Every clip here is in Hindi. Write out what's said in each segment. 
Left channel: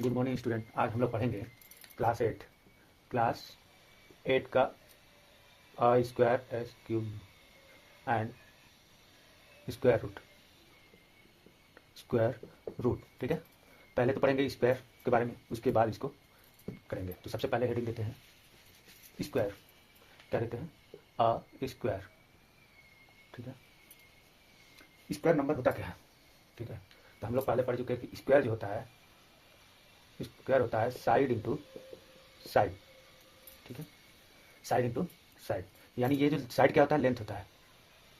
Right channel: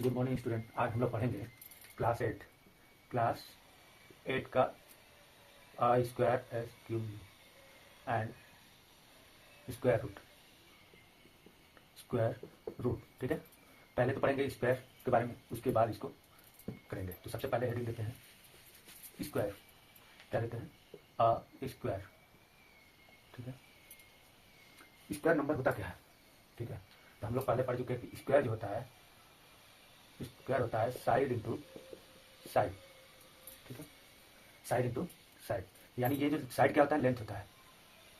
Good morning student. आज हम लोग पढ़ेंगे क्लास 8 का I square S cube and square root. ठीक है, पहले तो पढ़ेंगे स्क्वायर के बारे में, उसके बाद इसको करेंगे। तो सबसे पहले हेडिंग देते हैं स्क्वायर। क्या देते हैं? A square. ठीक है, स्क्वायर नंबर होता क्या है? ठीक है, तो हम लोग पहले पढ़ चुके हैं कि स्क्वायर जो होता है, स्क्वायर होता है साइड इंटू साइड। ठीक है, साइड इंटू साइड, यानी ये जो साइड क्या होता है? लेंथ होता है,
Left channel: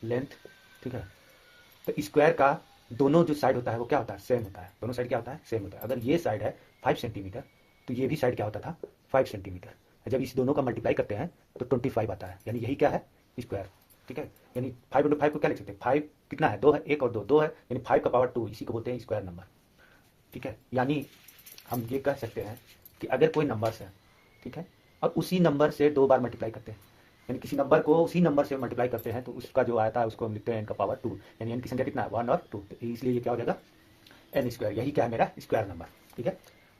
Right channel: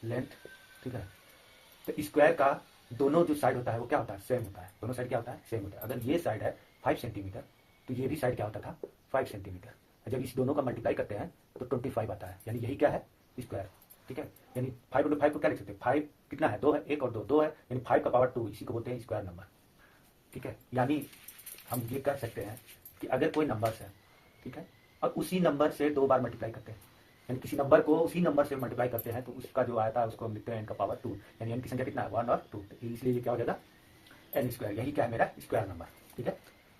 लेंथ। ठीक है, तो स्क्वायर का दोनों जो साइड होता है वो क्या होता है? सेम होता है। दोनों साइड क्या होता है? सेम होता है। अगर ये साइड है 5 सेंटीमीटर तो ये भी साइड क्या होता था? 5 सेंटीमीटर। जब इस दोनों का मल्टीप्लाई करते हैं तो 25 आता है, यानी यही क्या है? स्क्वायर। ठीक है, यानी 5 इंटू 5 को क्या लिख सकते हैं? 5 कितना है? 2 है, 1 और 2 2 है, यानी 5 का पावर 2, इसी को बोलते हैं स्क्वायर नंबर। ठीक है, यानी हम ये कह सकते हैं कि अगर कोई नंबर्स है, ठीक है, और उसी नंबर से 2 बार मल्टीप्लाई करते हैं, यानी किसी नंबर को उसी नंबर से मल्टीप्लाई करते हैं, तो उसका जो आता है उसको हम लिखते हैं n का पावर 2, यानी n की संख्या कितना है? 1 और 2, इसलिए ये क्या हो जाएगा? n square. यही क्या है? मेरा स्क्वायर नंबर। ठीक है,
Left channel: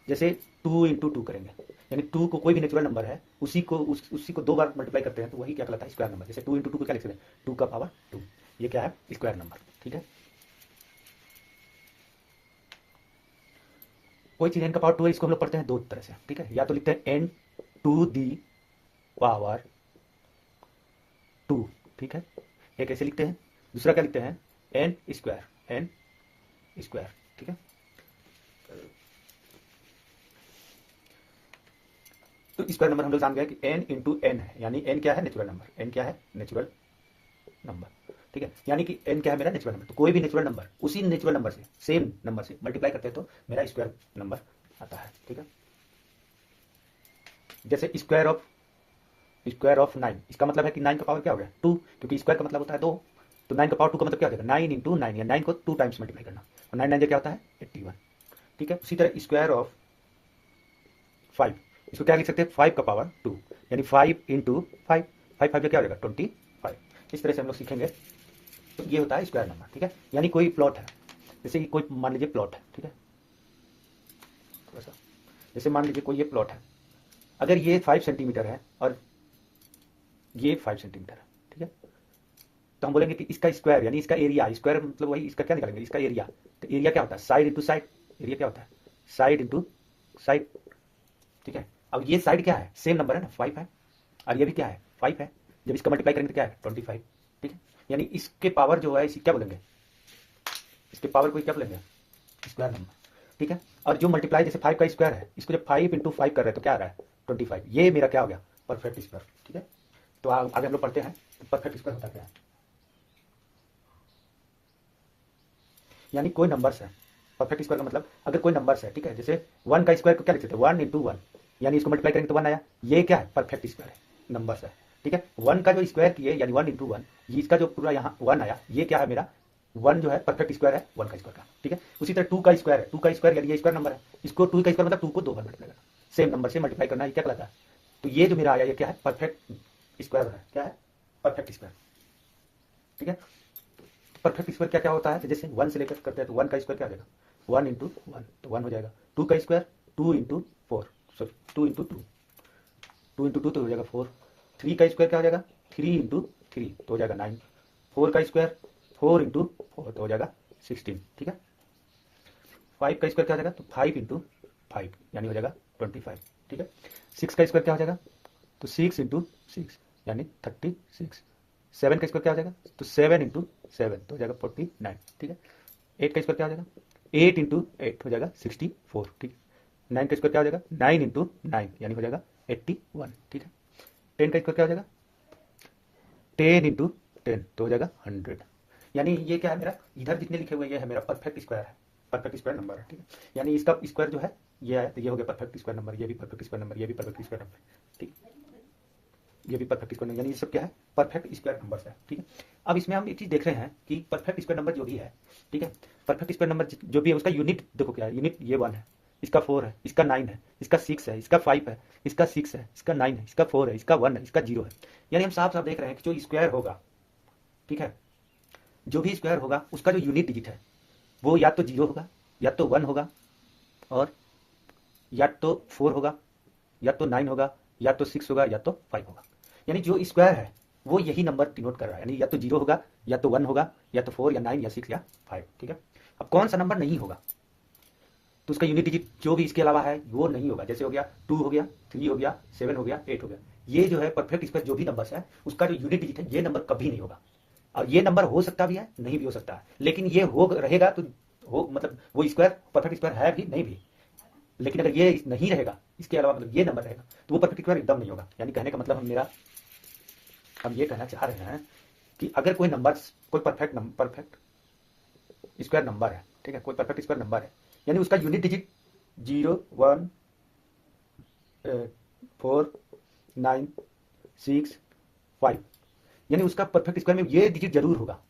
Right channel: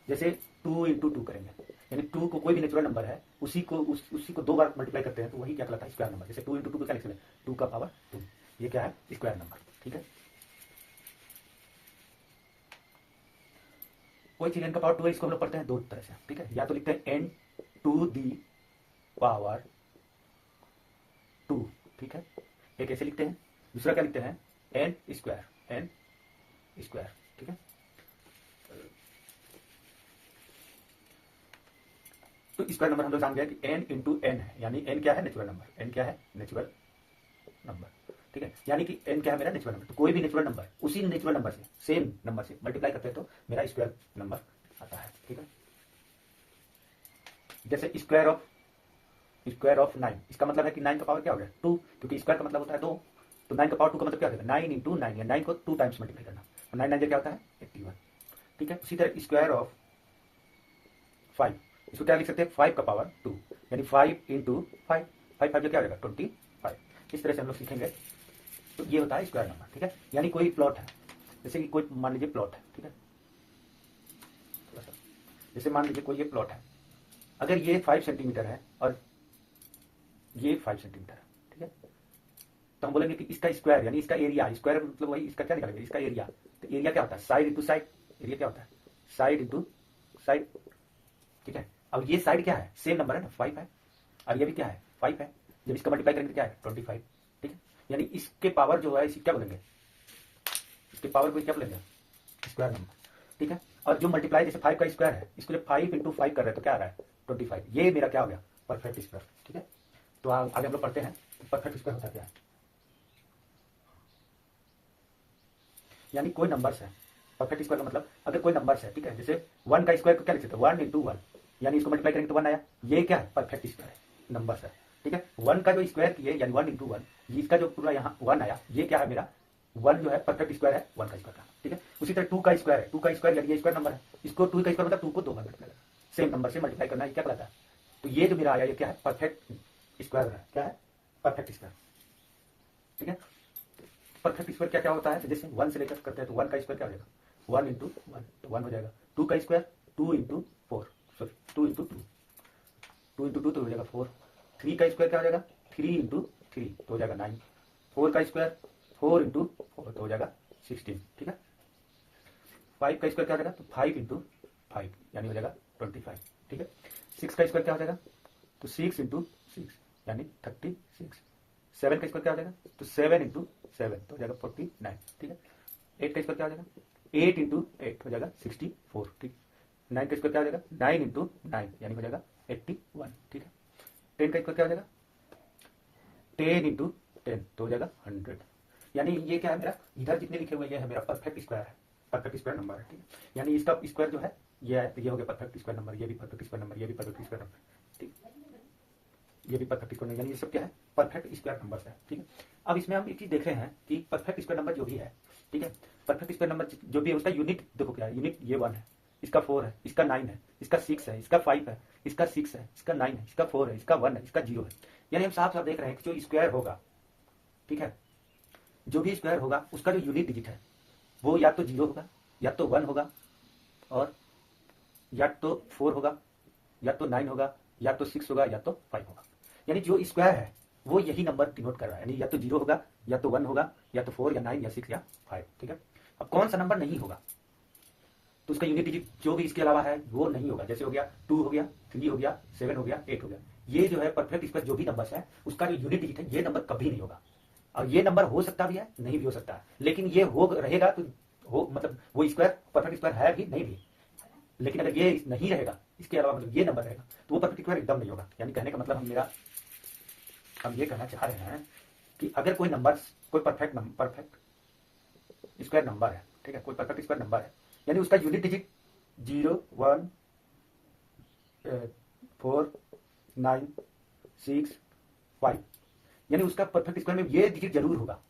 जैसे 2 इंटू 2 करेंगे, यानी 2 को कोई भी नेचुरल नंबर है उसी को 2 बार मल्टीप्लाई करते हैं तो वही क्या कहलाता है? Square number. जैसे 2 इंटू 2 को क्या लिख सकते हैं? 2 का पावर 2, ये क्या है? Square number. ठीक है, कोई चीज n का पावर 2 है, इसको हम लोग पढ़ते हैं दो तरह से। ठीक है, या तो लिखते हैं n टू दी पावर 2। ठीक है, एक ऐसे लिखते हैं, दूसरा क्या लिखते हैं? n square, n square. ठीक है, तो स्क्वायर नंबर हम लोग जान गए कि n इंटू n है, यानी n क्या है? Natural number. n क्या है? Natural number. ठीक है, यानी कि n क्या है? मेरा नेचुरल नंबर। तो कोई भी नेचुरल नंबर उसी नेचुरल नंबर से, सेम नंबर से मल्टीप्लाई करते हैं तो मेरा स्क्वायर नंबर आता है। ठीक है, जैसे स्क्वायर ऑफ 9, इसका मतलब है कि 9 का पावर क्या हो गया? 2, क्योंकि स्क्वायर का मतलब होता है 2, तो 9 का पावर 2 का मतलब क्या हो जाएगा? 9 इंटू 9, या 9 को 2 टाइम्स मल्टीप्लाई करना, और 9 9 क्या होता है? 81। ठीक है, उसी तरह स्क्वायर ऑफ 5, इसको क्या लिख सकते हैं? 5 का पावर 2, यानी 5 इंटू 5, 5 5 क्या हो जाएगा? 25। इस तरह से हम लोग सीखेंगे। तो ये होता है स्क्वायर नंबर। ठीक है, यानी कोई प्लॉट है, जैसे कि कोई मान लीजिए प्लॉट है। ठीक है, जैसे मान लीजिए कोई ये प्लॉट है, अगर ये 5 सेंटीमीटर है और ये 5 सेंटीमीटर है, ठीक है, तो हम बोलेंगे कि इसका स्क्वायर, यानी इसका एरिया, स्क्वायर मतलब वही, इसका क्या निकालेंगे? इसका एरिया। तो एरिया क्या होता है? Side into side. एरिया क्या होता है? Side into side. ठीक है, अब ये साइड क्या है? सेम नंबर है ना, 5 है, और ये भी क्या है? 5 है। जब इसका मल्टीप्लाई करेंगे तो क्या है? 25। ठीक है, यानी इसके पावर जो है इसे क्या बोलेंगे? इसके पावर को क्या बोलेंगे? Square number. ठीक है, और जो मल्टीप्लाई, जैसे 5 का स्क्वायर है, इसको जब 5 इंटू 5 कर रहे हैं तो क्या आ रहा है? 25। ये मेरा क्या हो गया? Perfect square. ठीक है, तो आगे हम लोग पढ़ते हैं परफेक्ट स्क्वायर होता क्या है। यानी कोई नंबर्स है, परफेक्ट स्क्वायर का मतलब अगर कोई नंबर्स है, ठीक है, जैसे 1 का स्क्वायर को क्या लिख सकते हैं? 1 इंटू 1, यानी इसको मल्टीप्लाई करेंगे तो 1 आया, ये क्या है? परफेक्ट स्क्वायर है, नंबर्स है। ठीक है, 1 का जो स्क्वायर किए, यानी 1 इंटू 1, इसका जो पूरा यहाँ 1 आया, ये क्या है? मेरा 1 जो है परफेक्ट स्क्वायर है 1 का स्क्वायर का। ठीक है, उसी तरह 2 का स्क्वायर है, 2 का स्क्वायर यानी ये स्क्वायर नंबर है, इसको 2 का स्क्वायर मतलब 2 को 2 बार मल्टीप्लाई करना, सेम नंबर से मल्टीप्लाई करना, ये क्या कहलाता है? तो ये जो मेरा आया, ये क्या है? परफेक्ट स्क्वायर है। क्या है? Perfect square. ठीक है, परफेक्ट स्क्वायर क्या क्या होता है? तो जैसे 1 से लेकर करते हैं तो 1 का स्क्वायर क्या हो जाएगा? 1 इंटू 1, तो 1 हो जाएगा। 2 का square 2 into 4, sorry 2 into 2, 2 into 2 तो हो जाएगा 4। 3 का स्क्वायर क्या हो जाएगा? 3 इंटू 3 तो हो जाएगा 9। 4 का स्क्वायर 4 इंटू 4 तो हो जाएगा 16। ठीक है, 5 का स्क्वायर क्या हो जाएगा? तो 5 इंटू 5 यानी हो जाएगा 25। ठीक है, 6 का स्क्वायर क्या हो जाएगा? तो 6 इंटू 6 यानी 36। 7 का स्क्वायर क्या हो जाएगा? तो 7 इंटू 7 तो हो जाएगा 49। ठीक है, 8 का स्क्वायर क्या हो जाएगा? 8 इंटू 8 हो जाएगा 64। ठीक है, 9 का स्क्वायर क्या हो जाएगा? 9 इंटू 9 यानी हो जाएगा 81। ठीक है, 10 का स्क्वायर क्या हो जाएगा? 10 इंटू 10 तो हो जाएगा 100। यानी ये क्या है? मेरा इधर जितने लिखे हुए ये है मेरा परफेक्ट स्क्वायर है, परफेक्ट स्क्वायर नंबर है। ठीक है, यानी इसका स्क्वायर जो है ये है, तो ये हो गया परफेक्ट स्क्वायर नंबर, ये भी परफेक्ट स्क्वायर नंबर, ये भी परफेक्ट स्क्वायर नंबर। ठीक, ये भी परफेक्ट स्क्वायर नंबर, यानी ये सब क्या है? परफेक्ट स्क्वायर नंबर है। ठीक है, अब इसमें हम एक चीज देख रहे हैं कि परफेक्ट स्क्वायर नंबर जो भी है, ठीक है, परफेक्ट स्क्वायर नंबर जो भी है उसका यूनिट देखो क्या है? यूनिट ये 1 है, इसका 4 है, इसका 9 है, इसका 6 है, इसका 5 है, इसका 6 है, इसका 9 है, इसका 4 है, इसका 1 है, इसका 0 है। यानी हम साफ साफ देख रहे हैं कि जो स्क्वायर होगा, ठीक है, जो भी स्क्वायर होगा उसका जो यूनिट डिजिट है वो या तो 0 होगा, या तो 1 होगा, और या तो 4 होगा, या तो 9 होगा, या तो 6 होगा, या तो 5 होगा। यानी जो स्क्वायर है वो यही नंबर डिनोट कर रहा है, यानी या तो 0 होगा, या तो 1 होगा, या तो 4 या 9 या 6 या 5। ठीक है, अब कौन सा नंबर नहीं होगा, तो उसका यूनिट डिजिट जो भी इसके अलावा है वो नहीं होगा। जैसे हो गया 2 हो गया, 3 हो गया, 7 हो गया, 8 हो गया। ये जो है परफेक्ट स्क्वायर जो भी नंबर है उसका जो यूनिट डिजिट है ये नंबर कभी नहीं होगा। और ये नंबर हो सकता भी है, नहीं भी हो सकता है, लेकिन ये हो रहेगा तो हो, मतलब वो स्क्वायर परफेक्ट स्क्वायर है भी नहीं भी। लेकिन अगर ये नहीं रहेगा, इसके अलावा मतलब ये नंबर रहेगा, तो वो परफेक्ट स्क्वायर एकदम नहीं होगा। यानी कहने का मतलब मेरा, हम ये कहना चाह रहे हैं कि अगर कोई नंबर, कोई परफेक्ट स्क्वायर नंबर है, ठीक है, कोई परफेक्ट स्क्वायर नंबर है, यानी उसका यूनिट डिजिट 0, 1, 4, 9, 6, 5, यानी उसका परफेक्ट स्क्वायर में ये डिजिट जरूर होगा।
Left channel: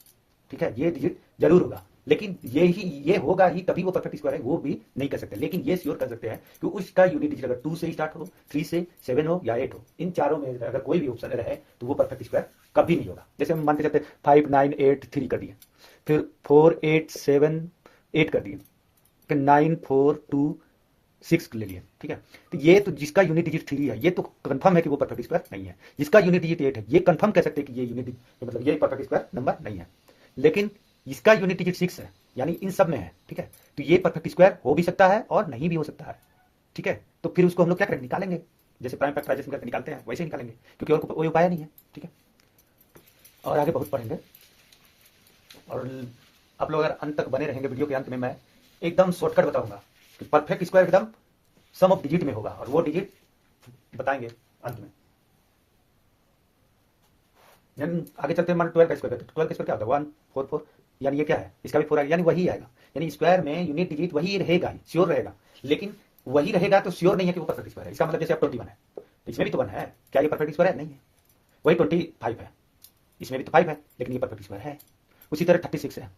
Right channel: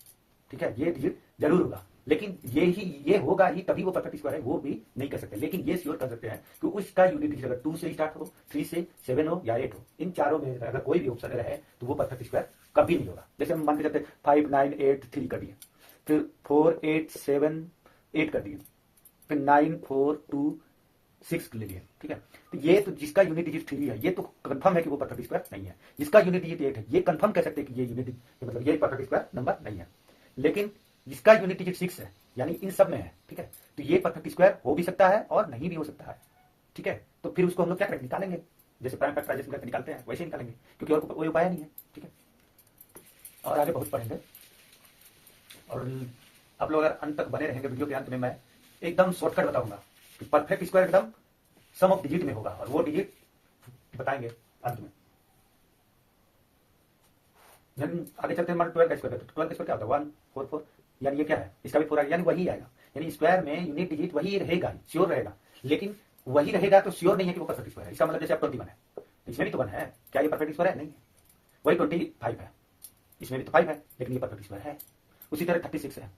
ठीक है, ये डिजिट जरूर होगा, लेकिन ये होगा ही तभी वो परफेक्ट स्क्वायर है, वो भी नहीं कर सकते। लेकिन ये श्योर कर सकते हैं कि उसका यूनिट डिजिट अगर 2 से स्टार्ट हो, 3 से, 7 हो या 8 हो, इन चारों में अगर कोई भी ऑप्शन रहे तो वो परफेक्ट स्क्वायर कभी नहीं होगा। जैसे हम मान के चलते 5, 9, 8, 3 कर दिए, फिर 4, 8, 7, 8 कर दिए, फिर 9, 4, 2, 6 ले लिए। ठीक है, तो ये तो जिसका यूनिट डिजिट 3 है ये तो कंफर्म है कि वो परफेक्ट स्क्वायर नहीं है। जिसका यूनिट डिजिट 8 है ये कंफर्म कह सकते हैं कि ये यूनिट मतलब ये परफेक्ट स्क्वायर नंबर नहीं है। लेकिन इसका यूनिट डिजिट 6 है, यानी इन सब में है। ठीक है, तो ये परफेक्ट स्क्वायर हो भी सकता है और नहीं भी हो सकता है। ठीक है, तो फिर उसको हम लोग क्या करेंगे, निकालेंगे, जैसे प्राइम फैक्टराइजेशन करके निकालते हैं वैसे निकालेंगे, क्योंकि और कोई उपाय नहीं है। ठीक है, और आगे बहुत पढ़ेंगे, और आप लोग अगर अंत तक बने रहेंगे, वीडियो के अंत में मैं एकदम शॉर्टकट बताऊंगा कि परफेक्ट स्क्वायर एकदम सम ऑफ डिजिट में होगा, और वो डिजिट बताएंगे अंत में। आगे चलते हैं, मान 12 का स्क्वायर, तो 12 का स्क्वायर क्या होता है, 1, 4, 4, यानी ये क्या है, इसका भी 4 आएगा, यानी वही आएगा। यानी स्क्वायर में यूनिट डिजिट वही रहेगा, श्योर रहेगा, लेकिन वही रहेगा तो श्योर नहीं है कि वो परफेक्ट स्क्वायर है। इसका मतलब जैसे अब 21 है, इसमें भी तो 1 है, क्या ये परफेक्ट स्क्वायर है, नहीं है। वही 25 है, इसमें भी तो 5 है, लेकिन ये परफेक्ट स्क्वायर है। उसी तरह 36 है,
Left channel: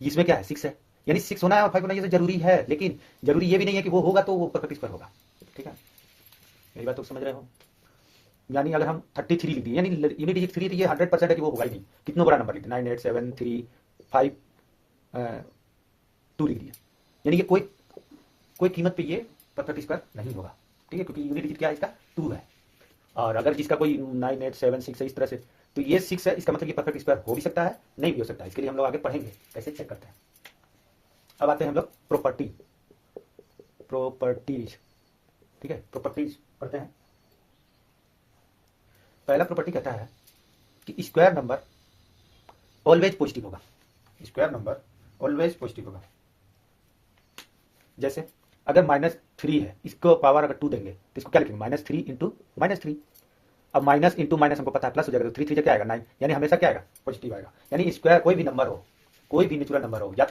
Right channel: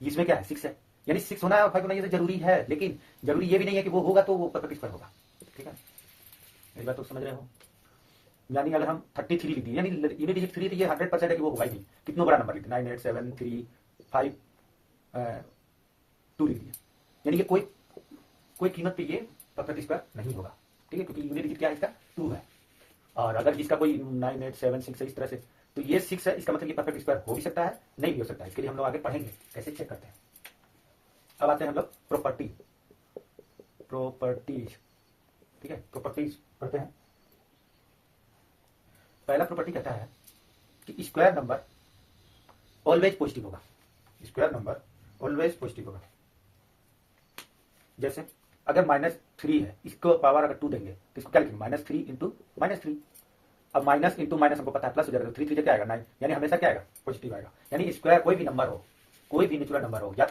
इसमें क्या है, 6 है, यानी 6 होना है और 5 होना ये तो जरूरी है, लेकिन जरूरी ये भी नहीं है कि वो होगा तो वो परफेक्ट स्क्वायर होगा। ठीक है, मेरी बात तो समझ रहे हो। यानी अगर हम 33 लिख दिए, यानी यूनिट डिजिट 3, तो ये 100% है कि वो होगा ही नहीं। कितना बड़ा नंबर लिख दिया, 9, 8, 7, 3, 5, 2 लिख दिए, यानी कि कोई कीमत पे ये परफेक्ट स्क्वायर नहीं होगा। ठीक है, क्योंकि यूनिट डिजिट क्या है, इसका 2 है। और अगर जिसका कोई 9, 8, 7, 6 है, इस तरह से, तो ये 6 है, इसका मतलब ये परफेक्ट स्क्वायर हो भी सकता है, नहीं भी हो सकता है। इसके लिए हम लोग आगे पढ़ेंगे कैसे चेक करते हैं। अब आते हैं हम लोग प्रॉपर्टीज। ठीक है, प्रॉपर्टीज पढ़ते हैं। पहला प्रॉपर्टी कहता है कि स्क्वायर नंबर ऑलवेज पॉजिटिव होगा, स्क्वायर नंबर ऑलवेज पॉजिटिव होगा। जैसे अगर -3 है, इसको पावर अगर 2 देंगे तो इसको क्या लिखेंगे, -3 इंटू -3। अब माइनस इंटू माइनस हमको पता है प्लस हो जाएगा, तो 3 3 क्या आएगा, 9, यानी हमेशा क्या आएगा, पॉजिटिव आएगा। यानी स्क्वायर कोई भी नंबर हो, कोई भी नेचुरल नंबर हो, या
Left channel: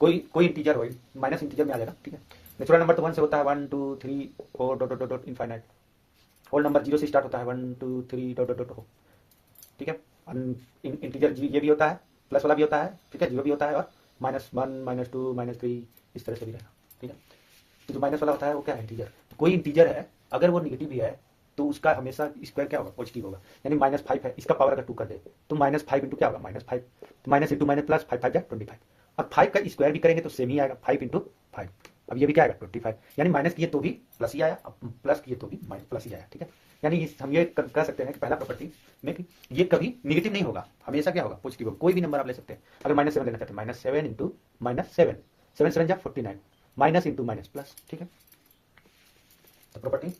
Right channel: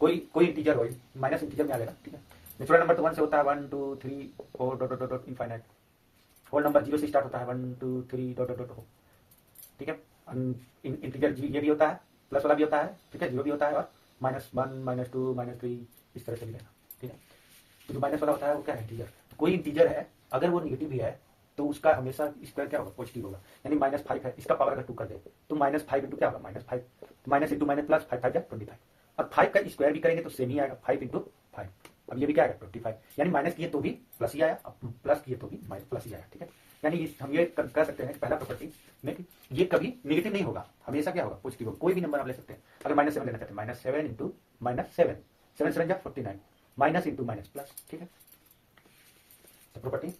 कोई इंटीजर हो, माइनस इंटीजर में आ जाएगा। ठीक है, नेचुरल नंबर तो 1 से होता है, 1, 2, 3, 4 dot dot dot infinite. Whole number 0 से स्टार्ट होता है, 1, 2, 3 डॉट डॉट डॉट हो। ठीक है, इंटीजर ये भी होता है, प्लस वाला भी होता है, ठीक है, 0 भी होता है, और -1, -2, -3 इस तरह से भी रहेगा। ठीक है, तो जो माइनस वाला होता है वो क्या है, इंटीजर। तो कोई इंटीजर है अगर वो नेगेटिव भी है तो उसका हमेशा स्क्वायर क्या होगा, पॉजिटिव होगा। यानी -5 है, इसका पावर अगर 2 कर दे तो -5 इंटू क्या होगा, -5, तो माइनस इंटू माइनस प्लस, 5 5 25। और 5 का स्क्वायर भी करेंगे तो सेम ही आएगा, 5 इंटू 5। अब ये भी क्या आएगा, 25, यानी माइनस किए तो भी प्लस ही आया, अब प्लस किए तो भी माइनस प्लस ही आया। ठीक है, यानी हम ये कह सकते हैं कि पहला प्रॉपर्टी में कि ये कभी निगेटिव नहीं होगा, हमेशा क्या होगा, पॉजिटिव होगा। कोई भी नंबर आप ले सकते हैं, अगर -7 लेना चाहते हैं, -7 इंटू -7, 7 7 जा 49, माइनस इंटू माइनस प्लस। ठीक है, तो प्रॉपर्टी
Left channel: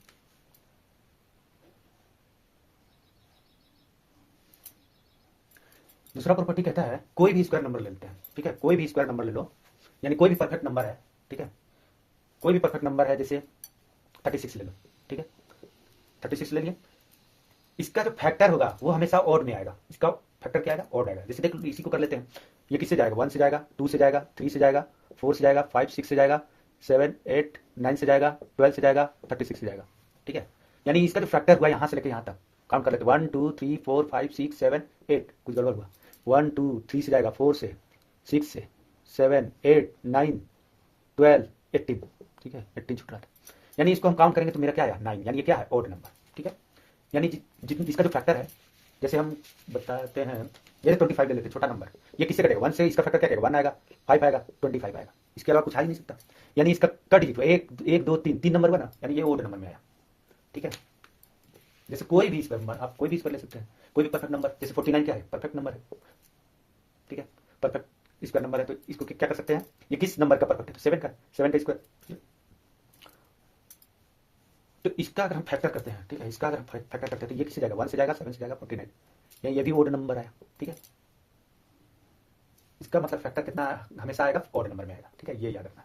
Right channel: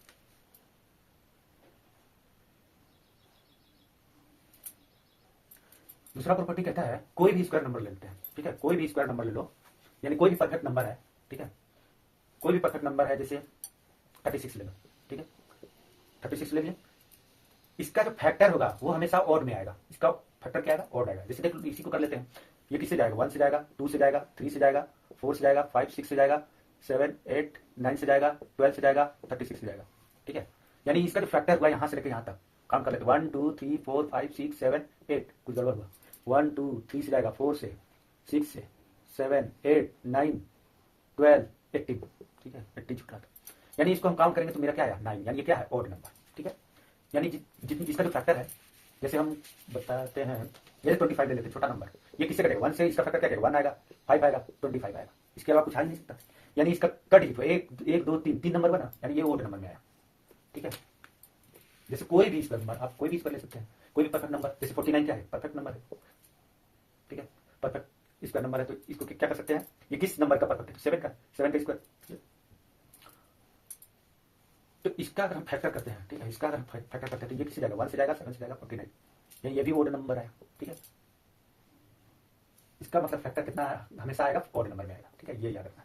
दूसरा प्रॉपर्टी कहता है कोई भी स्क्वायर नंबर ले लेते हैं। ठीक है, कोई भी स्क्वायर नंबर ले लो, यानी कोई भी परफेक्ट नंबर है। ठीक है, कोई भी परफेक्ट नंबर है, जैसे 36 ले लो। ठीक है, 36 ले लिए, इसका जो फैक्टर होगा वो हमेशा ऑड में आएगा। इसका फैक्टर क्या आएगा, ऑड आएगा। जैसे देख लो, इसी को कर लेते हैं, ये किससे जाएगा, 1 से जाएगा, 2 से जाएगा, 3 से जाएगा, 4 से जाएगा, 5 6 से जाएगा, 7 8 9 से जाएगा, 12 से जाएगा, 36 से जाएगा। ठीक है, यानी इसका जो फैक्टर हुआ यहाँ से लेकर यहाँ तक काम कर लेते, 1 2 3 4 5 6 7 8, कुछ गड़बड़ हुआ, 1 2 3 से जाएगा, 4 से, 6 से, 7 8 9 12 18। ठीक है, 18 छूट रहा था, यानी इसको हम काउंट करेंगे तो मेरा क्या है, 9, यानी ये क्या है, ऑड नंबर। ठीक है, यानी इसका जो फैक्टर है, जैसे हम बताते हैं, जैसे 25 ले लेते हैं, छोटा नंबर, ये किससे करेगा, 1 से इसका फैक्टर क्या करेगा, 1 आएगा, 5 आएगा, 25 आएगा। इसके अलावा कुछ आ ही नहीं सकता। यानी इसका कट ही तो एक एक दो तीन, तीन नंबर बना, यानी ये ओड नंबर में आया। ठीक है, जैसे कोई भी स्क्वायर नंबर आप कोई भी स्क्वायर ले सकते हैं, कोई भी परफेक्ट नंबर, जैसे 49 क्या है, परफेक्ट नंबर है। ठीक है, परफेक्ट स्क्वायर नंबर है, तो इसको क्या कर सकते हैं, ये किस नंबर का परफेक्ट है, 7 का, 7 का स्क्वायर। तो इसका अगर हम फैक्टर करते हैं, ठीक है, इसका अगर हम फैक्टर करते हैं तो ये किससे जाएगा, 1 से जाएगा, 7 से जाएगा, 49। ये भी ओड नंबर है। ठीक है, इसका मतलब फैक्टर कितना हमेशा आएगा, ऑड नंबर में आएगा। ठीक है, ये याद रखना।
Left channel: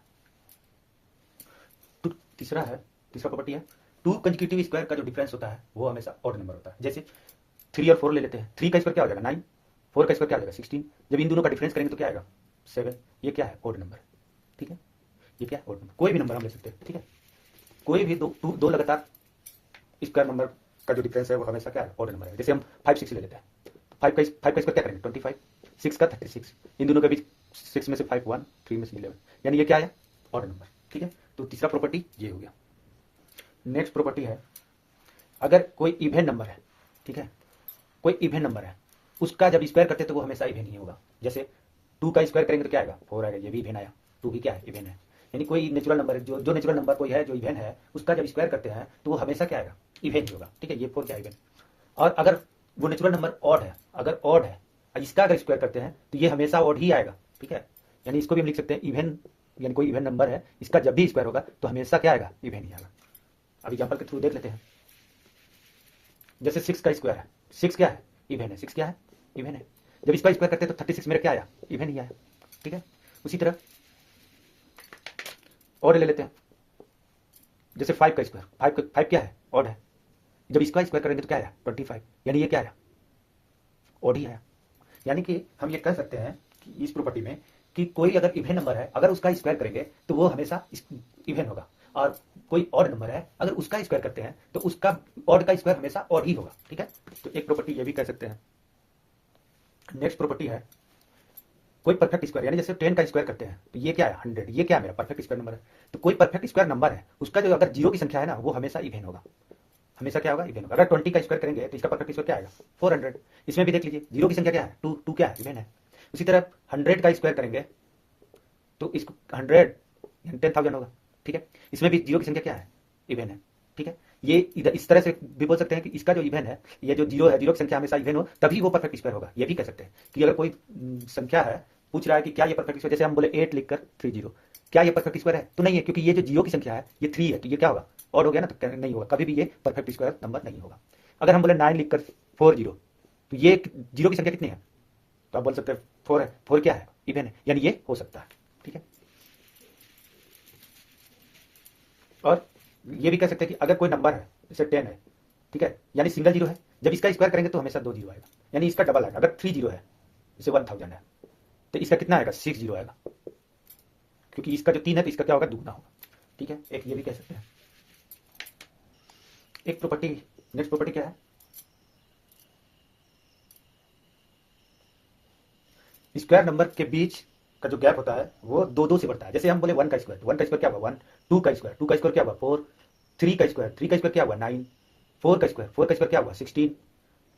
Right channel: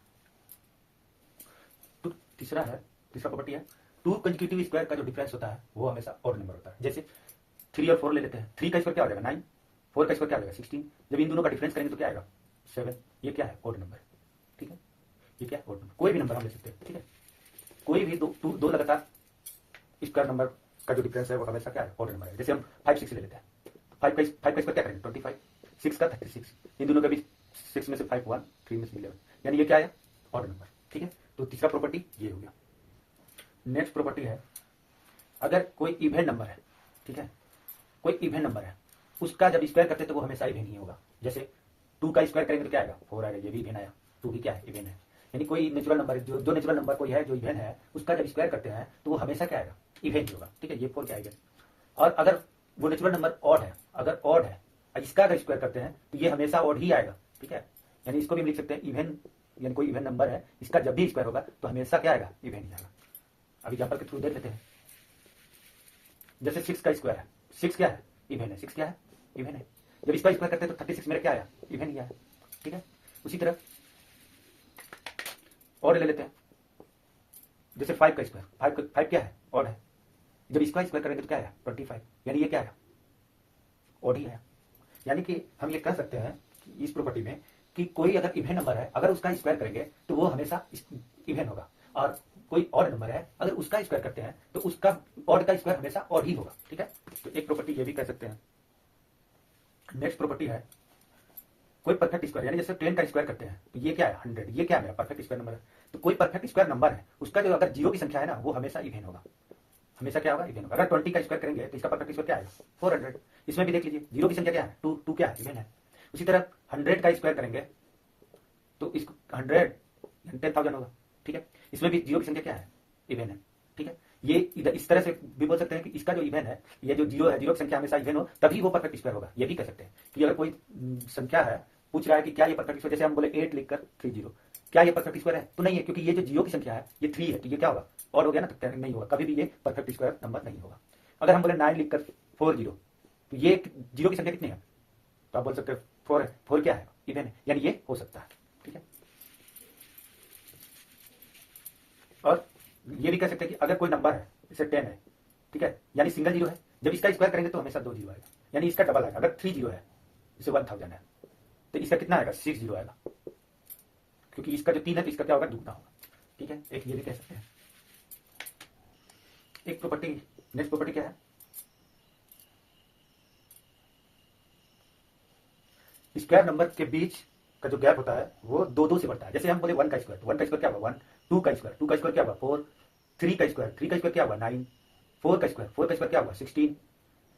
तो तीसरा प्रॉपर्टी है, टू कंसेक्यूटिव स्क्वायर का जो डिफरेंस होता है वो हमेशा ऑड नंबर होता है। जैसे 3 और 4 ले लेते हैं, 3 का स्क्वायर क्या हो जाएगा 9, 4 का स्क्वायर क्या हो जाएगा 16। जब इन दोनों का डिफरेंस करेंगे तो क्या आएगा 7। ये क्या है, ऑड नंबर। ठीक है, ये क्या है, ऑड नंबर। कोई भी नंबर हम ले सकते हैं। ठीक है, कोई भी दो लगातार स्क्वायर नंबर का जो डिफरेंस है वो हमेशा क्या है, ऑड नंबर है। जैसे हम 5 6 ले लेते हैं, 5 का स्क्वायर क्या करेंगे 25, 6 का 36, इन दोनों के बीच 6 में से 5 1, 3 में से 11, यानी ये क्या है, ऑड नंबर। ठीक है, तो तीसरा प्रॉपर्टी ये हो गया। नेक्स्ट प्रॉपर्टी है, अगर कोई इवन नंबर है, ठीक है, कोई इवन नंबर है, उसका जब स्क्वायर करते हैं तो वो हमेशा इवन ही होगा। जैसे 2 का स्क्वायर करेंगे तो क्या आएगा 4 आएगा, ये भी इवन आया, 2 भी क्या है, इवन है। यानी कोई नेचुरल नंबर है, जो नेचुरल नंबर कोई है जो इवन है, उसका जब स्क्वायर करते हैं तो वो हमेशा क्या आएगा, इवन ही होगा। ठीक है, ये 4 क्या इवन। और अगर वो नेचुरल नंबर ऑड है, अगर ऑड है, इसका अगर स्क्वायर करते हैं तो ये हमेशा ऑड ही आएगा। ठीक है, यानी इसको भी हम लिख सकते हैं इवन, यानी कोई इवन नंबर है, इसका जब भी स्क्वायर होगा तो हमेशा क्या आएगा, इवन ही आएगा। अब एग्जाम्पल के थ्रू देख लेते हैं। जैसे 6 का स्क्वायर है, 6 क्या है, इवन है, 6 क्या है, इवन है। जब इसका स्क्वायर करते हैं तो 36 मेरा क्या आया, इवन ही आया। ठीक है, उसी तरह ऑड ले लेते हैं। जैसे 5 का स्क्वायर, 5 क्या है, ऑड है। जब इसका स्क्वायर करेंगे तो क्या आया 25, यानी ये क्या आया, ऑड ही आया। यानी कि हम ये कह सकते हैं कि इस प्रॉपर्टी में कि कोई अगर इवन नंबर है, अगर उसका स्क्वायर करेंगे तो वो हमेशा इवन होगा, और कोई ऑड नंबर है अगर उसका स्क्वायर करते हैं तो उसका ऑड का स्क्वायर हमेशा ऑड ही होगा। ठीक है, तो एक प्रॉपर्टी ये भी कह सकते हैं। नेक्स्ट प्रॉपर्टी है, कोई परफेक्ट स्क्वायर, यानी जैसे 10 का स्क्वायर करते हैं तो ये क्या है 100, ये क्या है मेरा परफेक्ट स्क्वायर नंबर है। तो कोई परफेक्ट स्क्वायर नंबर है, उसका जो अगर जीरो की संख्या है ना वो हमेशा इवन होगा, हमेशा क्या होगा, इवन होगा। अगर 20 का स्क्वायर करेंगे तो इसका परफेक्ट स्क्वायर क्या आएगा 400। इसमें भी देख लीजिए जीरो की संख्या क्या है 2 क्या है, इवन है। उसी तरह 100 का स्क्वायर करेंगे तो इसको 100 10,000 होगा। ठीक है, इसमें भी जीरो की संख्या क्या है, इवन है। ठीक है, ये इधर इस तरह से भी बोल सकते हैं कि इसका जो इवन है, ये जो जीरो है, जीरो की संख्या हमेशा इवन हो तभी वो परफेक्ट स्क्वायर होगा। ये भी कह सकते हैं कि अगर कोई संख्या है, पूछ रहा है कि क्या ये परफेक्ट स्क्वायर, जैसे हम बोले 8 लिखकर 30, क्या ये परफेक्ट स्क्वायर है, तो नहीं है, क्योंकि ये जो जीरो की संख्या है ये 3 है, तो ये क्या होगा, और हो गया ना, तो नहीं होगा, कभी भी ये परफेक्ट स्क्वायर नंबर नहीं होगा। अगर हम बोले 9 लिखकर 40, तो ये जीरो की संख्या कितनी है, तो आप बोल सकते हैं 4 है, 4 क्या है, इवन है, यानी ये हो सकता है। ठीक है, और ये भी कह सकते हैं कि अगर कोई नंबर है जैसे 10 है, ठीक है, यानी सिंगल जीरो है, जब इसका स्क्वायर करेंगे तो हमेशा 2 जीरो आएगा, यानी इसका डबल आएगा। अगर 3 जीरो है जैसे 1000 है तो इसका कितना आएगा 6 जीरो आएगा, क्योंकि इसका जो 3 है तो इसका क्या होगा, दुगना होगा। ठीक है, एक ये भी कह सकते हैं। एक प्रॉपर्टी, नेक्स्ट प्रॉपर्टी क्या है, स्क्वायर नंबर के बीच का जो गैप होता है वो 2 से बढ़ता है। जैसे हम बोले 1 का स्क्वायर, 1 का स्क्वायर क्या हुआ 1, 2 का स्क्वायर, 2 का स्क्वायर क्या हुआ 4, 3 का स्क्वायर, 3 का स्क्वायर क्या हुआ 9, 4 का स्क्वायर, 4 का स्क्वायर क्या हुआ 16,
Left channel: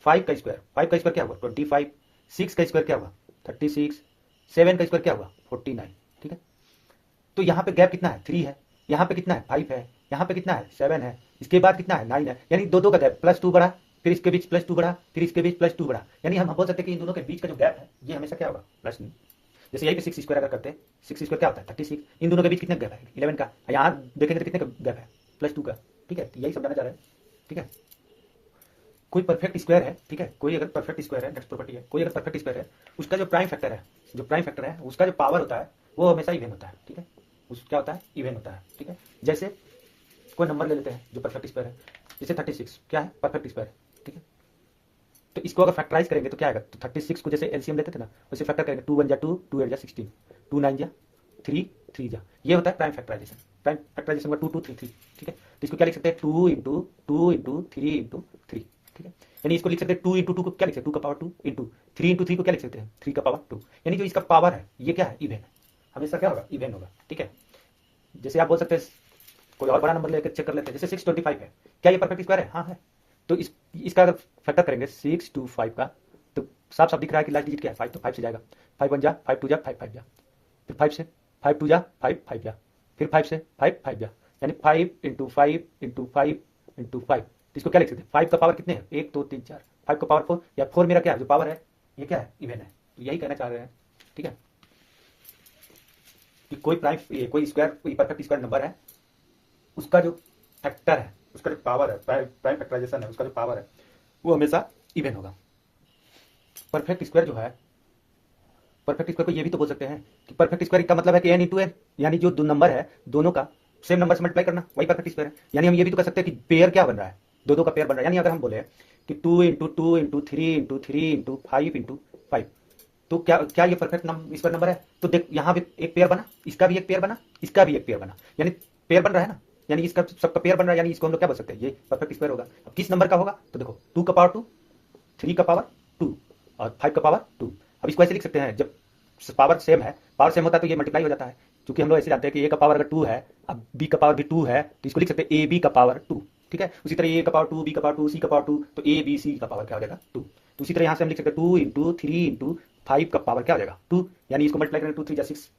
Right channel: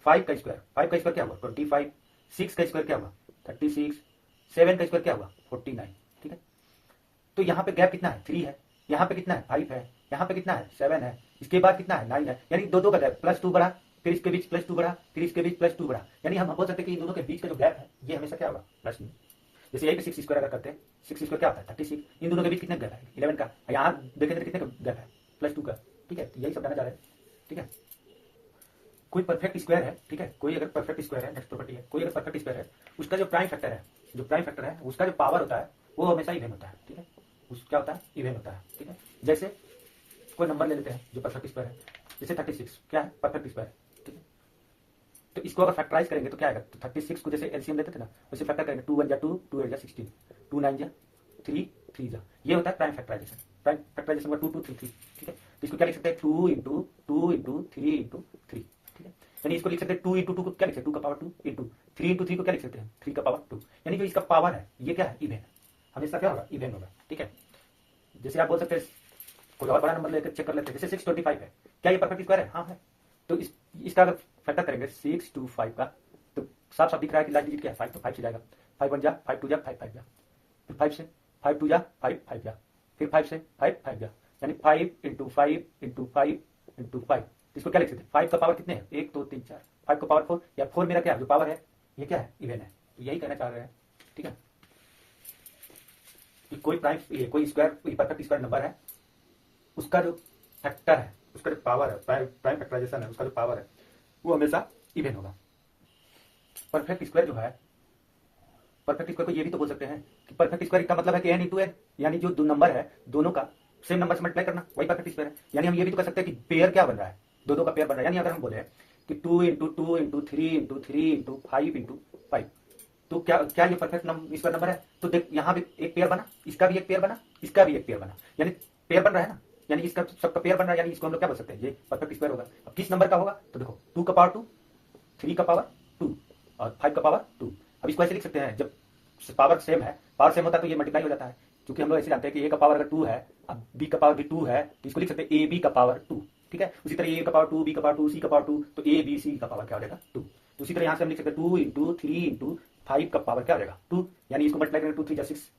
5 का स्क्वायर, 5 का स्क्वायर क्या हुआ 25, 6 का स्क्वायर क्या हुआ 36, 7 का स्क्वायर क्या हुआ 49। ठीक है, तो यहाँ पे गैप कितना है 3 है, यहाँ पे कितना है 5 है, यहाँ पे कितना है 7 है, इसके बाद कितना है 9 है, यानी दो का गैप, +2 बढ़ा, फिर इसके बीच +2 बढ़ा, फिर इसके बीच +2 बढ़ा, यानी हम बोल सकते हैं कि इन दोनों के बीच का जो गैप है ये हमेशा क्या होगा +9। जैसे यही पे 6 स्क्वायर अगर करते हैं, 6 स्क्वायर क्या होता है 36, इन दोनों के बीच कितने गैप है 11 का, यहाँ देखेंगे तो कितने का गैप है +2 का। ठीक है, तो यही सब जानना चाह रहे हैं। ठीक है, कोई परफेक्ट स्क्वायर है, ठीक है, कोई अगर परफेक्ट स्क्वायर है, नेक्स्ट प्रॉपर्टी है, कोई अगर परफेक्ट स्क्वायर है, उसका जो प्राइम फैक्टर है, जो प्राइम फैक्टर है उसका जो पावर होता है वो हमेशा इवन होता है। ठीक है, उस क्या होता है, इवन होता है। ठीक है, जैसे कोई नंबर ले लेते हैं जो परफेक्ट स्क्वायर है, जैसे 36 क्या है परफेक्ट स्क्वायर। ठीक है, तो इसको अगर फैक्टराइज करेंगे तो क्या आएगा, तो 36 को जैसे एलसीएम लेते थे ना वैसे फैक्टर करेंगे, 2 1 जा 2, 2 8 जा 16, 2 9 जा 3, 3 जा, ये होता है प्राइम फैक्टराइजेशन। प्राइम फैक्टराइजेशन का 2 2 3 3। ठीक है, तो इसको क्या लिख सकते हैं 2 इंटू 2 इंटू 3 इंटू 3। ठीक है, यानी इसको लिख सकते हैं 2 इंटू 2 को क्या लिख सकते हैं 2 का पावर 2 इंटू 3 इंटू 3 को क्या लिख सकते हैं 3 का पावर 2, यानी जो इसका पावर है ये क्या है, इवन, हमेशा क्या होगा, इवन होगा। ठीक है, जैसे आप बोल सकते हैं कोई और बड़ा नंबर लेकर चेक कर लेते हैं, जैसे 625 है, क्या ये परफेक्ट स्क्वायर है, हाँ है, तो इसका अगर फैक्टर करेंगे 6 to 5 का, तो साफ साफ दिख रहा है कि लास्ट डिजिट क्या है 5, तो 5 से जाएगा, 5 1 जा 5 2 जा 5 5 जा, फिर 5 से 5 टू जा 5 5 जा, फिर 5 से 5 5 जा, यानी 5 इंटू 5 इंटू 5 इंटू 5। इसको क्या लिख सकते हैं, 5 का पावर कितने हैं, 1 2 3 4, 5 का पावर 4, या 4 मेरा क्या है जो पावर है, ये क्या है, इवन है। तो यही कहना चाह रहे हैं, ठीक है, कि कोई प्राइम, कोई स्क्वायर, कोई परफेक्ट स्क्वायर नंबर है, उसका जो फैक्टर है, उसका जो पावर है, प्राइम फैक्टराइजेशन है, उसका जो पावर है वो हमेशा इवन होगा। परफेक्ट स्क्वायर जो है, परफेक्ट स्क्वायर को ये भी तो बोल सकते हैं कि परफेक्ट स्क्वायर का मतलब है कि n इंटू एन, यानी जो दो नंबर है दोनों का सेम नंबर से मल्टीप्लाई करना, वही परफेक्ट स्क्वायर है। यानी हम ये भी तो कह सकते हैं कि पेयर क्या बन रहा है, दो दो का पेयर बन रहा है। यानी अगर हम बोले कि 2 into 2 into 3 into 3 into 5 into 5, तो क्या क्या ये परफेक्ट स्क्वायर नंबर है। तो देख यहाँ भी एक पेयर बना, इसका भी एक पेयर बना, इसका भी एक पेयर बना, यानी पेयर बन रहा है ना, यानी इसका सबका पेयर बन रहा है, यानी इसको हम लोग क्या बोल सकते हैं, ये परफेक्ट स्क्वायर होगा। अब किस नंबर का होगा, तो देखो 2 का पावर 2, 3 का पावर 2 और 5 का पावर 2। अब इसको ऐसे लिख सकते हैं, जब पावर सेम है, पावर सेम होता है तो ये मल्टीप्लाई हो जाता है, क्योंकि हम लोग ऐसे जानते हैं कि ए का पावर अगर 2 है, अब बी का पावर भी 2 है, तो इसको लिख सकते हैं ए बी का पावर 2, ठीक है। उसी तरह ए का पावर 2, बी का पावर 2, सी का पावर 2, तो ए बी सी का पावर क्या हो जाएगा 2। तो उसी तरह यहाँ से हम लिख सकते हैं 2 इंटू 3 इंटू 5 का पावर क्या हो जाएगा 2, यानी इसको मल्टीप्लाई करेंगे 2 3 जा 6,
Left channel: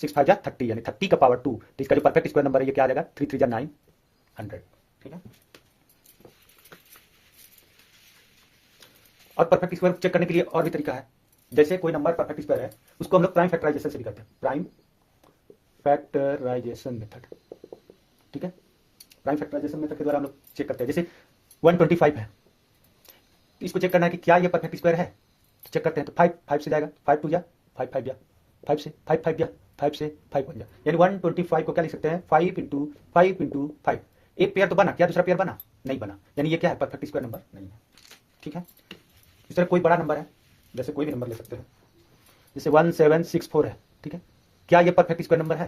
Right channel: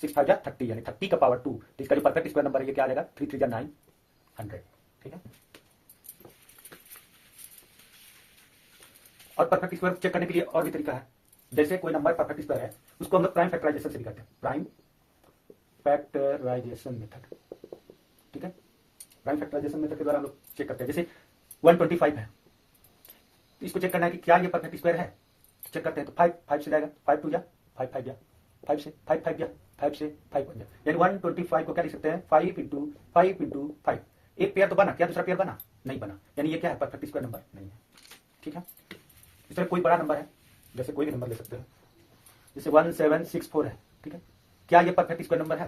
6 5 जा 30, यानी 30 का पावर 2। तो इसका जो परफेक्ट स्क्वायर नंबर है ये क्या आ जाएगा 3 3 जा 900, ठीक है। और परफेक्ट स्क्वायर चेक करने के लिए और भी तरीका है, जैसे कोई नंबर परफेक्ट स्क्वायर है, उसको हम लोग प्राइम फैक्टराइजेशन से भी करते हैं, प्राइम फैक्टराइजेशन मेथड, ठीक है। प्राइम फैक्टराइजेशन मेथड के द्वारा हम लोग चेक करते हैं। जैसे 125 है, इसको चेक करना है कि क्या ये परफेक्ट स्क्वायर है, तो चेक करते हैं। तो 5 5 से जाएगा, 5 2 जा 5 5 जा, 5 से 5 5 जा, 5 से 5 1 जा, यानी 125 को क्या लिख सकते हैं 5 इंटू 5 इंटू 5। एक पेयर तो बना, क्या दूसरा पेयर बना, नहीं बना, यानी ये क्या है परफेक्ट स्क्वायर नंबर नहीं है, ठीक है। इस तरह कोई बड़ा नंबर है, जैसे कोई भी नंबर ले सकते हैं, जैसे 1764 है, ठीक है, क्या ये परफेक्ट स्क्वायर नंबर है,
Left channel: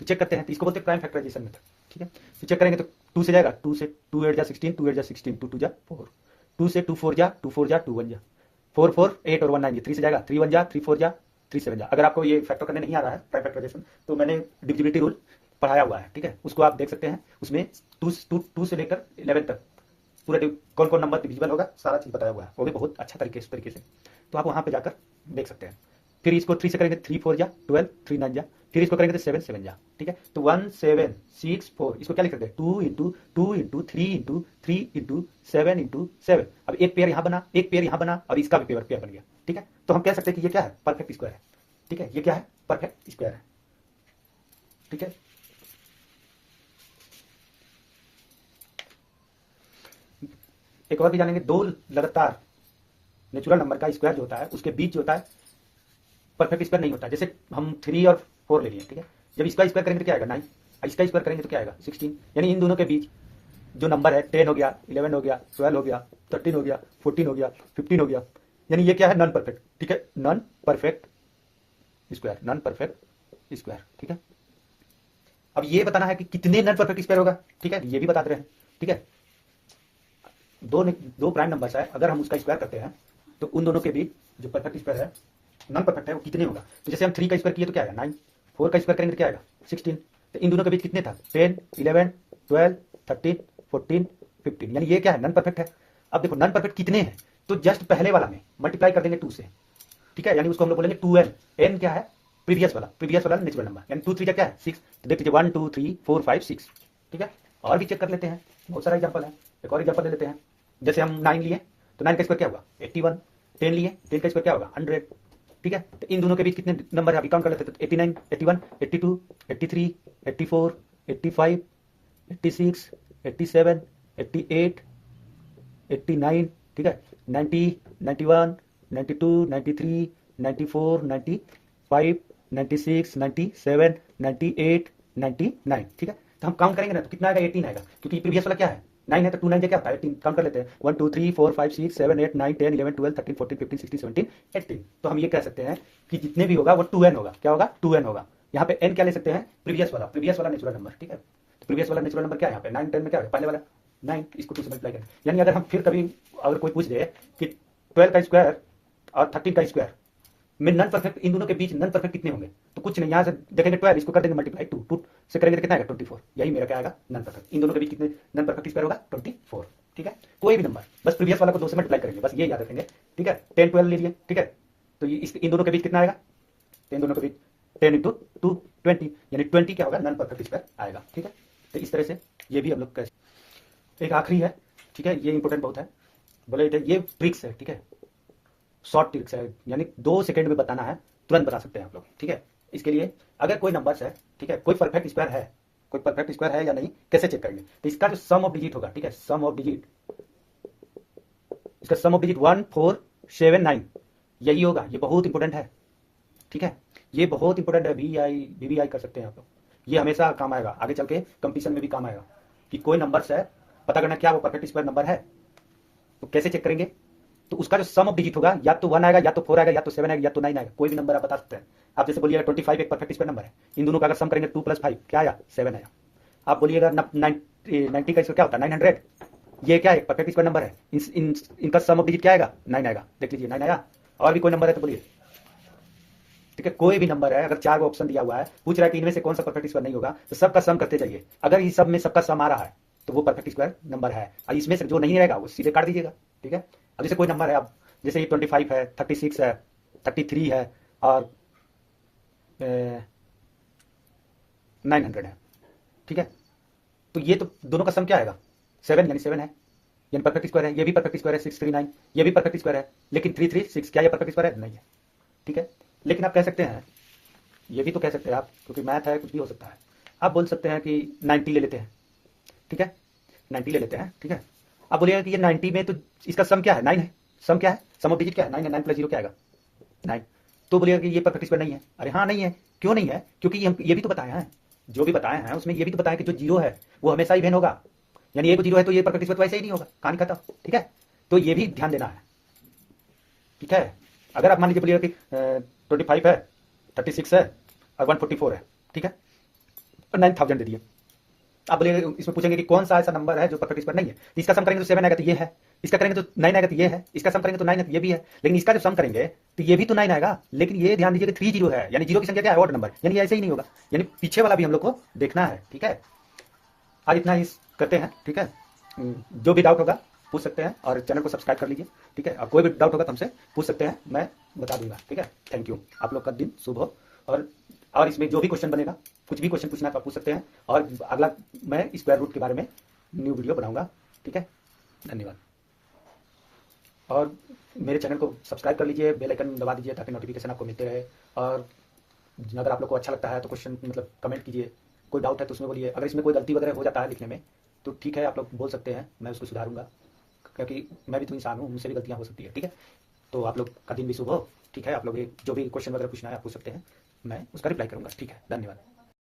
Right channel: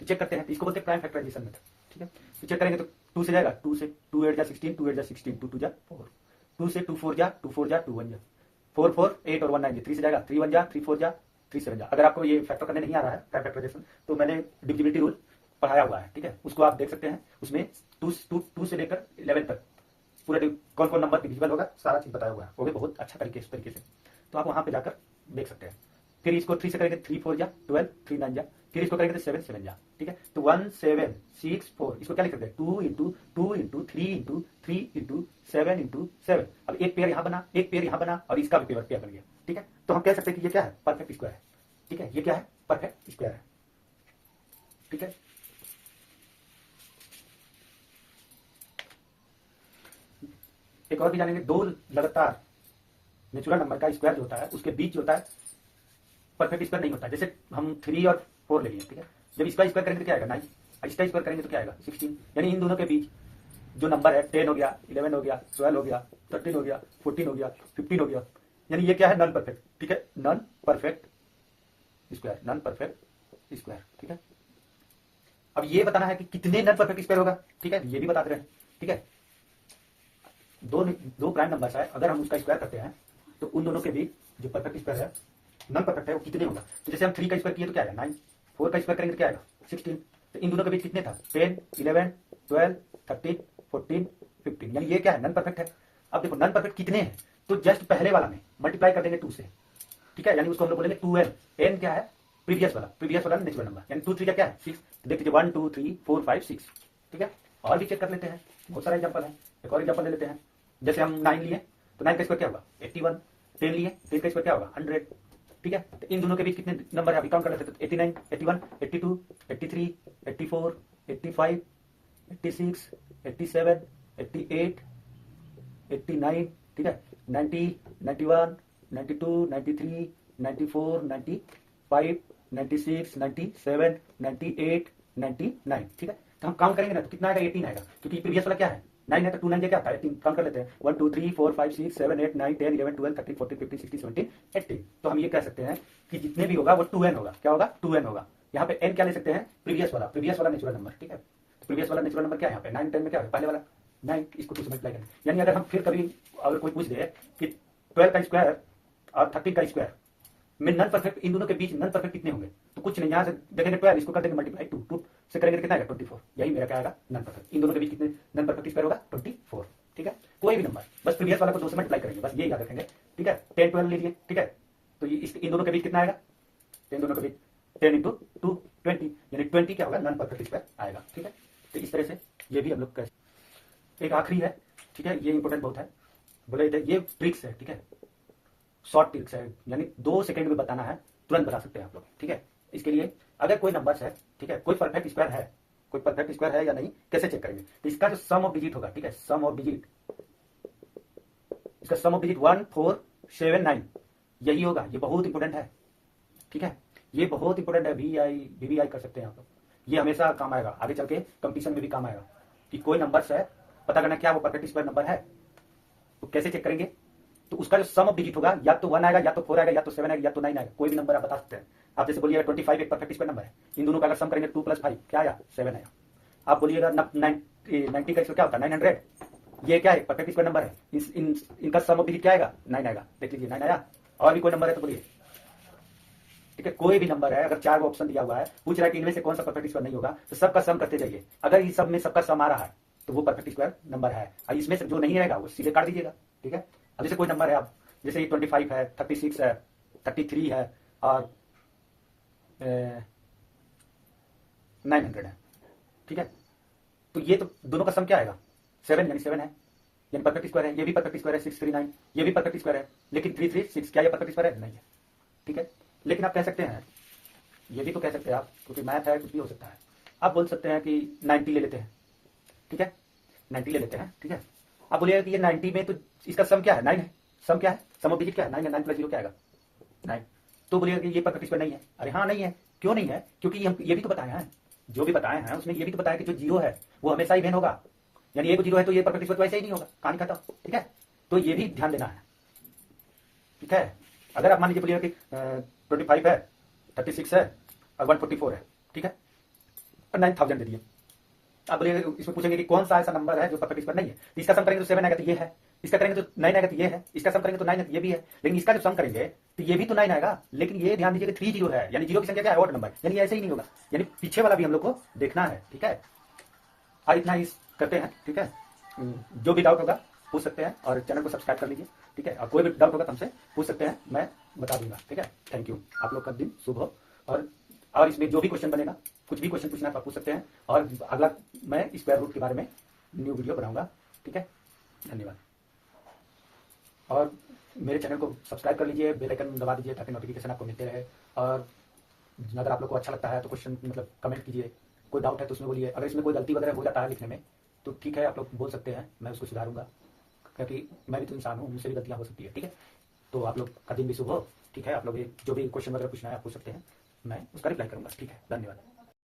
तो चेक करते हैं। तो इसको बोलते हैं प्राइम फैक्टराइजेशन मेथड, ठीक है। तो चेक करेंगे तो 2 से जाएगा, 2 से 2 8 जा 16, 2 8 जा 16, 2 2 जा 4, 2 से 2 4 जा 2 4 जा 2 1 जा, 4 4 8 और 1 9, 3 से जाएगा, 3 1 जा 3 4 जा 3 7 जा। अगर आपको ये फैक्टर करने नहीं आ रहा है प्राइम फैक्टराइजेशन, तो मैंने डिविजिबिलिटी रूल पढ़ाया हुआ है, ठीक है, उसको आप देख सकते हैं। उसमें 2 से लेकर 11 तक पूरा कौन कौन नंबर डिविजिबल होगा सारा चीज बताया हुआ है, वो भी बहुत अच्छा तरीके से, तो आप वहां पे जाकर देख सकते हैं। फिर इसको 3 से करेंगे 3 4 जा 12, 3 9 जा, फिर इसको करेंगे तो 7 7 जा, ठीक है। तो 1 7 6 4, इसको क्या लिख सकते हैं 2 into 2 into 3 into 3 into 7 into 7। अब एक पेयर यहाँ बना, एक पेयर यहाँ बना, और इसका भी पेयर बन गया, ठीक है। तो हम कह सकते हैं कि ये क्या है परफेक्ट स्क्वायर है, ठीक है, ये क्या है परफेक्ट स्क्वायर है, ठीक है। एक और भी जानेंगे, दो लगातार नेचुरल नंबर का स्क्वायर जो होता है उसके बीच जो होता है परफेक्ट स्क्वायर नहीं होता। जैसे हम 3 और 4 ले लिए, ठीक है, जब इसका स्क्वायर करेंगे तो क्या आएगा 9, इसका स्क्वायर करेंगे तो क्या आएगा 16, यानी इन दोनों के बीच जो नंबर है 10 हो गया, 11 हो गया, 12 हो गया, 13 हो गया, 14 हो गया, 15 हो गया, यानी ये क्या है नॉन परफेक्ट, ठीक है, non perfect square, non perfect square, ठीक है। अब ये बताना है कि कितने नॉन परफेक्ट स्क्वायर होगा, ठीक है, ये भी बता दे रहे हैं, ठीक है। दो प्राइम नंबर्स है, अगर हम उसका स्क्वायर करते हैं तो उन दोनों के बीच जो परफेक्ट स्क्वायर है, नॉन परफेक्ट है, वो कितने होगा। तो जैसे हम 3 का स्क्वायर किए तो क्या आएगा 9, 4 का स्क्वायर करेंगे तो क्या आएगा 16, तो इन दोनों के बीच कितने था 10 11 12 13 14 15, यानी ये क्या है नॉन परफेक्ट है। अब देखो नॉन परफेक्ट कितने हैं, तो जस्ट पहले वाला में मल्टीप्लाई कर देंगे 2 से, ठीक है, यानी उसको हम लोग बोलेंगे 2n, n क्या है प्रीवियस वाला नेचुरल नंबर, यानी 2 3 क्या है 6, तो देख लीजिए 1 2 3 4 5 6, ठीक है। और भी चेक कर लेते हैं, बहुत सारा एग्जाम्पल है, एक और एग्जाम्पल ले लेते हैं। जैसे हम 9 लिए तो 9 का स्क्वायर क्या होगा 81, 10 लिए 10 का स्क्वायर क्या होगा 100, ठीक है। तो इन दोनों के बीच कितने नंबर है अभी काउंट कर लेते हैं, तो 89 81 82 83 84 85 86 87 88 89, ठीक है, 90 91 92 93 94 95 96 97 98 99, ठीक है। तो हम काउंट करेंगे ना तो कितना आएगा 18 आएगा, क्योंकि प्रीवियस वाला क्या है 9 है, तो 2 9 क्या होता है 18, काउंट कर लेते हैं 1 2 3 4 5 6 7 8 9 10 11 12 13 14 15 16 17 18। तो हम ये कह सकते हैं कि जितने भी होगा वो 2n होगा, क्या होगा 2n होगा। यहाँ पे n क्या ले सकते हैं प्रीवियस वाला नेचुरल नंबर, ठीक है। तो प्रीवियस वाला नेचुरल नंबर क्या है यहाँ पे 9 10 में क्या है पहले वाला 9, इसको 2 से मल्टीप्लाई करें। यानी अगर हम फिर कभी अगर कोई पूछ दे कि 12 का स्क्वायर और 13 का स्क्वायर में नॉन परफेक्ट, इन दोनों के बीच नॉन परफेक्ट कितने होंगे, तो कुछ नहीं, यहाँ से देखेंगे 12, इसको कर देंगे मल्टीप्लाई 2 से करेंगे तो कितना आएगा 24, यही मेरा क्या आएगा नॉन परफेक्ट। इन दोनों के बीच कितने नॉन परफेक्ट स्क्वायर होगा 24, ठीक है। कोई भी नंबर बस प्रीवियस वाला को 2 से मल्टीप्लाई करेंगे, बस ये याद रखेंगे, ठीक है। 10 12 लीजिए, ठीक है, तो ये इन दोनों के बीच कितना आएगा, तो इन दोनों के बीच 10 इंटू 2 20, यानी 20 क्या होगा, नॉन परफेक्ट स्क्वायर आएगा। ठीक है, तो इस तरह से ये भी हम लोग कैसे। एक आखिरी है, ठीक है, ये इंपॉर्टेंट बहुत है, बोले थे ये ट्रिक्स है, ठीक है, शॉर्ट ट्रिक्स है, यानी 2 सेकंड में बताना है, तुरंत बता सकते हैं आप लोग। ठीक है, इसके लिए अगर कोई नंबर है, ठीक है, कोई परफेक्ट स्क्वायर है, कोई परफेक्ट स्क्वायर है या नहीं, कैसे चेक करेंगे, तो इसका जो सम ऑफ डिजिट होगा, ठीक है, सम ऑफ डिजिट, इसका सम ऑफ डिजिट 1 4 7 9 यही होगा। ये बहुत इंपॉर्टेंट है, ठीक है, ये बहुत इंपॉर्टेंट है। VI कर सकते हैं आप लोग, ये हमेशा काम आएगा, आगे चल के कंपटीशन में भी काम आएगा कि कोई नंबर है, पता करना क्या वो परफेक्ट स्क्वायर नंबर है, तो कैसे चेक करेंगे, तो उसका जो सम ऑफ डिजिट होगा या तो 1 आएगा, या तो 4 आएगा, या तो 7 आएगा, या तो 9 आएगा, कोई भी नंबर आप बता सकते हैं। आप जैसे बोलिएगा 25 एक परफेक्ट स्क्वायर नंबर है, इन दोनों का अगर सम करेंगे 2 + 5 क्या आया, 7 आया। आप बोलिएगा 90 का इसका क्या होता है, 900, ये क्या है, परफेक्ट स्क्वायर नंबर है, इनका सम ऑफ डिजिट क्या आएगा, 9 आएगा। देख लीजिए 9 आया। और भी कोई नंबर है तो बोलिए, ठीक है, कोई भी नंबर है, अगर 4 ऑप्शन दिया हुआ है, पूछ रहा है कि इनमें से कौन सा परफेक्ट स्क्वायर नहीं होगा, तो सबका सम करते जाइए। अगर इस सब में सबका सम आ रहा है तो वो परफेक्ट स्क्वायर नंबर है, और इसमें से जो नहीं रहेगा वो सीधे काट दीजिएगा। ठीक है, अब जैसे कोई नंबर है, आप जैसे ये 25 है, 36 है, 33 है और 900 है। ठीक है, तो ये तो दोनों का सम क्या आएगा, 7, यानी 7 है, यानी परफेक्ट स्क्वायर है। ये भी परफेक्ट स्क्वायर है 639, ये भी परफेक्ट स्क्वायर है, लेकिन 336 क्या ये परफेक्ट स्क्वायर है, नहीं है। ठीक है, लेकिन आप कह सकते हैं, ये भी तो कह सकते हैं आप, क्योंकि मैथ है, कुछ भी हो सकता है। आप बोल सकते हैं कि 90 ले लेते हैं, ठीक है, 90 ले लेते हैं। ठीक है, आप बोलिएगा कि ये 90 में तो इसका सम क्या है, 9 है, सम क्या है, सम ऑफ डिजिट क्या है, 9 है, 9 + 0 क्या आएगा, 9। तो बोलिएगा कि ये परफेक्ट स्क्वायर नहीं है। अरे हाँ नहीं है, क्यों नहीं है, क्योंकि ये भी तो बताए हैं, जो भी बताए हैं उसमें ये भी तो बताया कि जो 0 है वो हमेशा ही भेन होगा, यानी एक 0 है तो ये परफेक्ट स्क्वायर तो वैसे ही नहीं होगा, कहानी खत्म। ठीक है, तो ये भी ध्यान देना है। ठीक है, अगर आप मान लीजिए बोलिएगा कि 25 है, 36 है और 144 है, ठीक है, और 9000 दे दिए। आप बोलिए, इसमें पूछेंगे कि कौन सा ऐसा नंबर है जो परफेक्ट स्क्वायर नहीं है, तो इसका सम करेंगे तो 7 आएगा, तो ये है, इसका करेंगे तो 9 आएगा, तो ये है, इसका सम करेंगे तो 9 है, तो ये भी है, लेकिन इसका जब सम करेंगे तो ये भी तो 9 आएगा। लेकिन ये ध्यान दीजिए कि 3 0 है, यानी 0 की संख्या क्या है, ऑड नंबर, यानी ऐसे ही नहीं होगा, यानी पीछे वाला भी हम लोग को देखना है। ठीक है, और इतना ही करते हैं। ठीक है, जो भी डाउट होगा पूछ सकते हैं, और चैनल को सब्सक्राइब कर लीजिए। ठीक है, और कोई भी डाउट होगा तो हमसे पूछ सकते हैं, मैं बता दूंगा। ठीक है, थैंक यू, आप लोग का दिन शुभ हो। और इसमें जो भी क्वेश्चन बनेगा, कुछ भी क्वेश्चन पूछना है तो पूछ सकते हैं, और अगला मैं स्क्वायर रूट के बारे में न्यू वीडियो बनाऊंगा। ठीक है, धन्यवाद। और मेरे चैनल को सब्सक्राइब कर लीजिए, बेल आइकन दबा दीजिए ताकि नोटिफिकेशन आपको मिलते रहे। और अगर आप लोग को अच्छा लगता है तो क्वेश्चन मतलब कमेंट कीजिए, कोई डाउट है तो उसमें बोलिए। अगर इसमें कोई गलती वगैरह हो जाता है लिखने में तो ठीक है, आप लोग बोल सकते हैं, मैं उसको सुधारूंगा, क्योंकि मैं भी तो इंसान हूँ, मुझसे भी गलतियाँ हो सकती है। ठीक है, तो आप लोग का दिन भी शुभ हो। ठीक है, आप लोग जो भी क्वेश्चन वगैरह पूछना है आप पूछ सकते हैं, मैं उसका रिप्लाई करूंगा। ठीक है, धन्यवाद।